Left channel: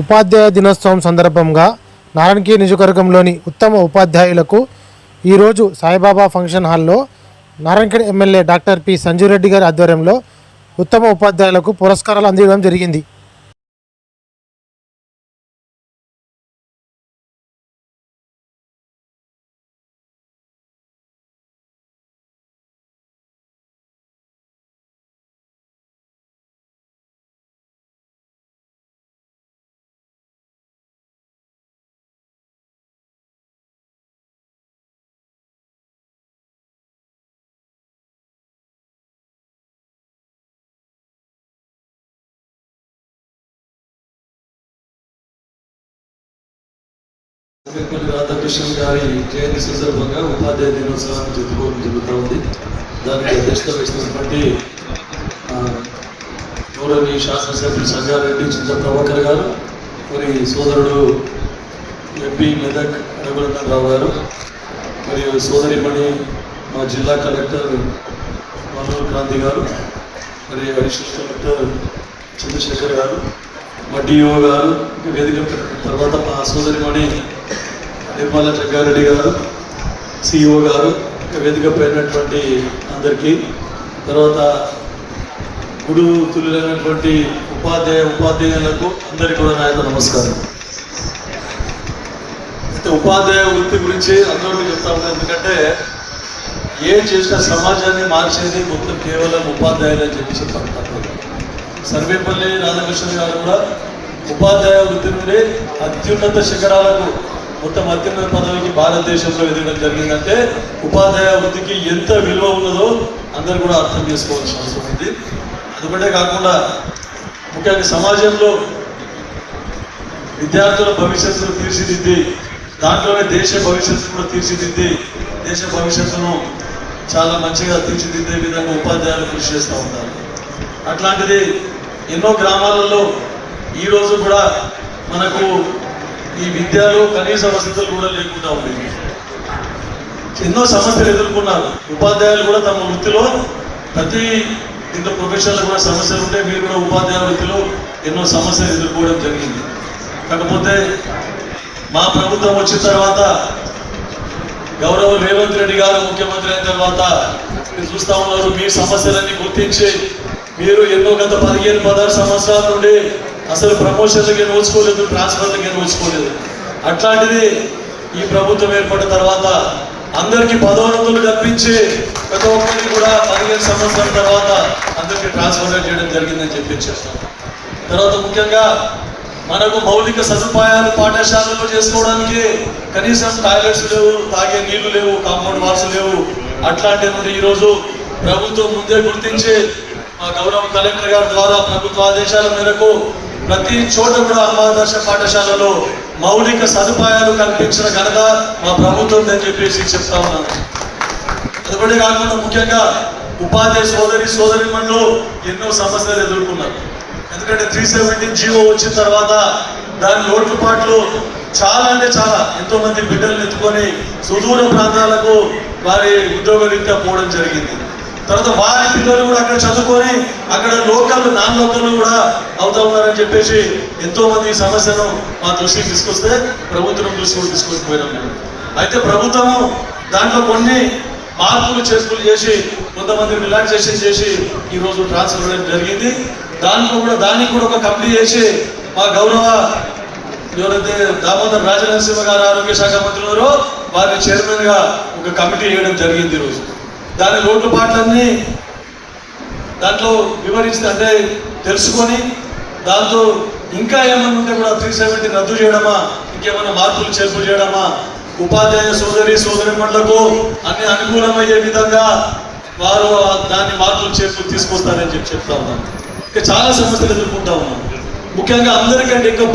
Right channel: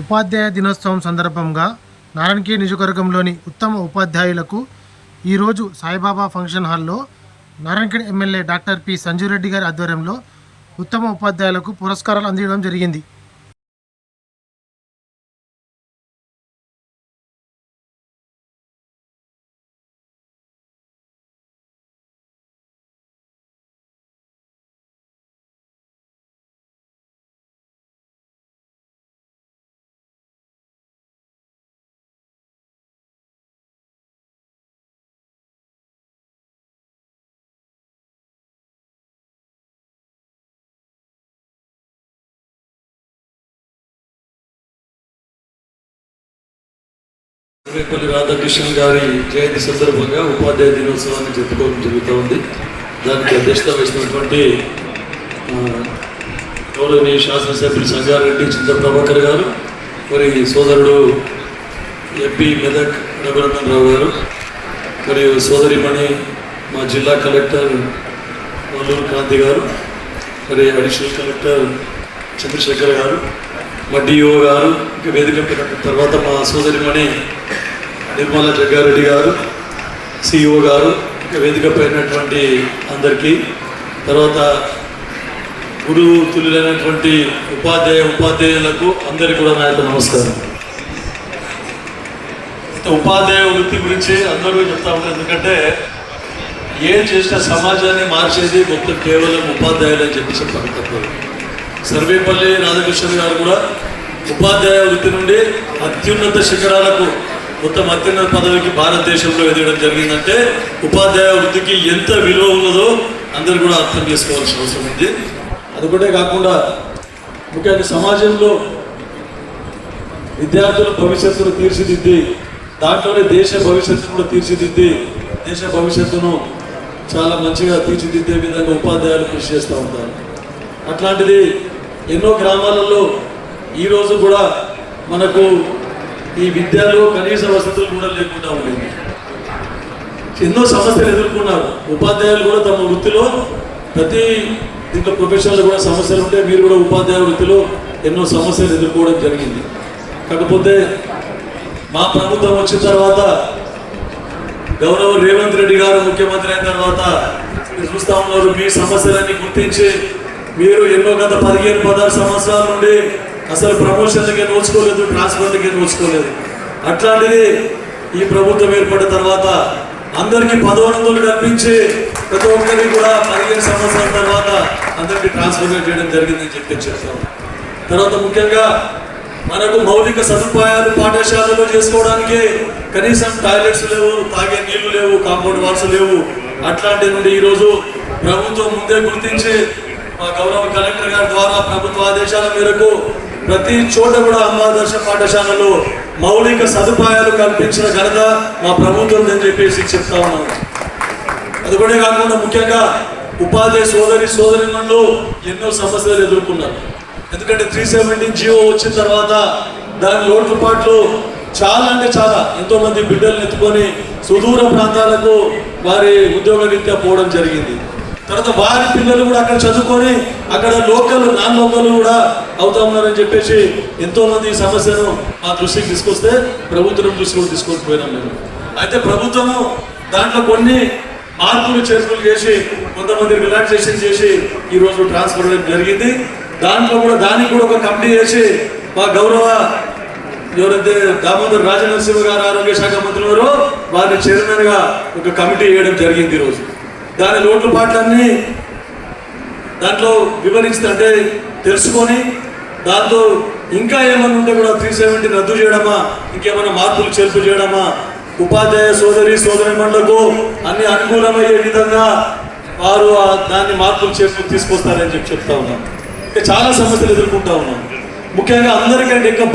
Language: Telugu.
ఉపాధ్యాయ దినోత్సవం సందర్భంగా నారాయణఖేడ్ నియోజకవర్గంలోని ఉత్తమ ఉపాధ్యాయులకు ఈరోజు సాయిబాబా ఫంక్షన్ హాల్లో Narayankhed MLA doctor P Sanjeev Reddy గారి ఆధ్వర్యంలో ఉత్తమ ఉపాధ్యాయులకు పురస్కారాలు అందించడం జరిగింది. రాధాకృష్ణ గారి జయంతి సందర్భంగా ఉపాధ్యాయ దినోత్సవాన్ని జరుపుకోవడం జరుగుతూ ఉంది. దానికి అధ్యక్షత వహిస్తున్నటువంటి గౌరవనీయ శాసనసభ్యులు సంగారెడ్డి చింత ప్రభాకర్ గారు, మరి సోదరుడు ఎంపీ మెదక్ రఘునందనరావు గారు, మరియు సోదరిమణి మా జిల్లా కలెక్టర్ వల్లూరు క్రాంతి గారు, మరి అడిషనల్ కలెక్టర్ చంద్రశేఖర్ గారు, మా డిఓ గారు, ఇంకా వేదిక తర్వాత మా సోదరిమణి నిర్మలా జగ్గారెడ్డి గారు, సిఇఓ గారు, ఇంకా వేదిక పైనటువంటి అందరికీ, తర్వాత గురువు తుల్యులైనటువంటి ఉపాధ్యాయులకు అందరికీ కూడా నా యొక్క నమస్కారం. అయితే ఉపాధ్యాయ వృత్తి గురించి అందరూ చెప్తా ఉంటారు. ఎందుకంటే ఏం చేసిన సమాజాన్ని మార్చేది మొత్తం కేవలం ఉపాధ్యాయులు అని చెప్పి చెప్పారు. సర్వేపల్లి రాధాకృష్ణ గారు కూడా ఉపాధ్యాయ వృత్తి నుండి అత్యున్నత శిఖరాలకు, మొత్తం అత్యున్నత పదవికి భారతదేశంలో ఎదగడం జరిగిందంటే ఉపాధ్యాయ వృత్తికి ఎంత విలువ ఉన్నదో అందరూ కూడా అర్థం చేసుకోవాల్సిన అవసరం ఉంది. అదొకటే కాకుండా ముఖ్యంగా సమాజంలో విద్యార్థుల భవిష్యత్తును తీర్చిదిద్ది, దాంట్లోనే దేశ భవిష్యత్తు కూడా తీర్చిదిద్ది, దేశ భవిష్యత్తును చాలా మంచిగా తీర్చిదిద్దే విధంగా ఉపాధ్యాయులు కృషి చేస్తూ ఉంటారు. అట్లాంటిది ఎన్నో గ్రామాలలో ఈరోజు కూడా మనకు ఈ విద్యలో కనీస వసతులు కూడా లేకుండా ఉండేవి. ఎన్నో సమస్యలు ఎదుర్కొన్నారు. ఉపాధ్యాయులు కూడా తమ వృత్తిలో ప్రతి దీంట్లో ప్రొఫెషనల్ కూడా సమస్యలు ఉంటే మీరు కూడా ఉపాధ్యాయ వృత్తిలో ఎన్నో సమస్యలు ఎదుర్కోవడం జరిగింది. కాకపోతే మా ప్రభుత్వం వచ్చిన తర్వాత, గౌరవ రేవంత్ రెడ్డి గారు ముఖ్యమంత్రి అయిన తర్వాత మీరు చూస్తూ ఉన్నారు, మీ సమస్యలన్నీ గుర్తించి మీరు ఎన్నో గత 15-16 సంవత్సరాల నుండి అసలు ప్రమోషన్లకే నోచుకోలేదు, ట్రాన్స్ఫర్లకే నోచుకోలేదు. అట్లాంటిది ఈ ప్రభుత్వం ఏర్పడిన తర్వాత అందరికీ పదోన్నతులు కల్పించి ప్రతి ఒక్కరికి కూడా 15 సంవత్సరాల తర్వాత అందరికీ ట్రాన్స్ఫర్ చేయడం జరిగిందని చెప్పి చెప్తాం. తర్వాత ముఖ్యంగా మనకు మౌలిక సదుపాయాలు పాఠశాలలో చేసుకోవడానికి కనీసం టాయిలెట్స్ లేవు, తాగే నీళ్లు లేవు, కాంపౌండ్ వాల్స్ లేవు. అట్లాంటి నుండి ఈరోజు ప్రభుత్వం ముందే గుర్తించి మా గౌరవ కలెక్టర్ గారి ద్వారా ప్రభుత్వ ఆదేశాల మేరకు ప్రతి చోట కూడా అమ్మాదర్శ పాఠశాలలో మౌలిక సదుపాయాలు కల్పించిన ఘనత మా ప్రభుత్వం అని చెప్పేసి చెప్తా ఉన్నాను. అదొకటే కాకుండా ముఖ్యంగా ఉపాధ్యాయ సోదరిమణులు ఎన్నో సమస్యలు ఎదుర్కొన్నారు. ఎందుకంటే 370 జీవో వచ్చిన తర్వాత దాని లోటుపాట్లు చాలా అంటే చాలా, ఎంతో మంది బిడ్డలు ఎత్తుకొని సుదూర ప్రాంతాలకు వారి ఉద్యోగ రీత్యా పోవడం జరిగింది. తర్వాత వారి పిల్లలు కూడా అక్కడ చదువుకొని అక్కడ నాన్ లోకల్ కూడా అవుతా ఉన్నారని చెప్పేసి ఎంతో మంది ఈ సమస్యను మా దృష్టికి తీసుకొస్తే ప్రభుత్వం దృష్టికి తీసుకొచ్చిపోయినాం మేము. అయితే ప్రభుత్వము దాంట్లో కొన్ని మార్పులు చేర్పులు చేసి కొంతమంది రిలాక్సేషన్ చేసి ఈరోజు ట్రాన్స్ఫర్ చేయడం జరిగింది. దాంట్లో కూడా దానికి కూడా ఒక కమిటీ చేసి మా గౌరవ ఎవరైతే దామోదర్ రాజనరసింహ గారు ఆరోగ్య శాఖ మంత్రి ఉన్నారో వారిని చైర్మన్ గా ఒక కమిటీ వేయడం జరిగింది. ఈరోజు దాని లోటుపాట్లన్నీ దాంట్లో వివరిస్తుంటే తెలుసుకొని దాంతో ఇంకా ఏమైనా ఉంటే కూడా 370 రద్దు చేయడమా, ఇంకేమైనా మార్పులు చేర్పు చేయడమా, ఉపాధ్యాయ సోదరిమణులకు అన్ని అనుకూలమయ్యే విధంగా వారు దాన్ని మార్పులు చేర్పులు తీసుకొస్తారని చెప్తా ఉన్నాం. ఇంకా చాలా సమస్యలు ఎదుర్కొంటా ఉన్నాం. ముఖ్యంగా అందరికంటే ఇంకా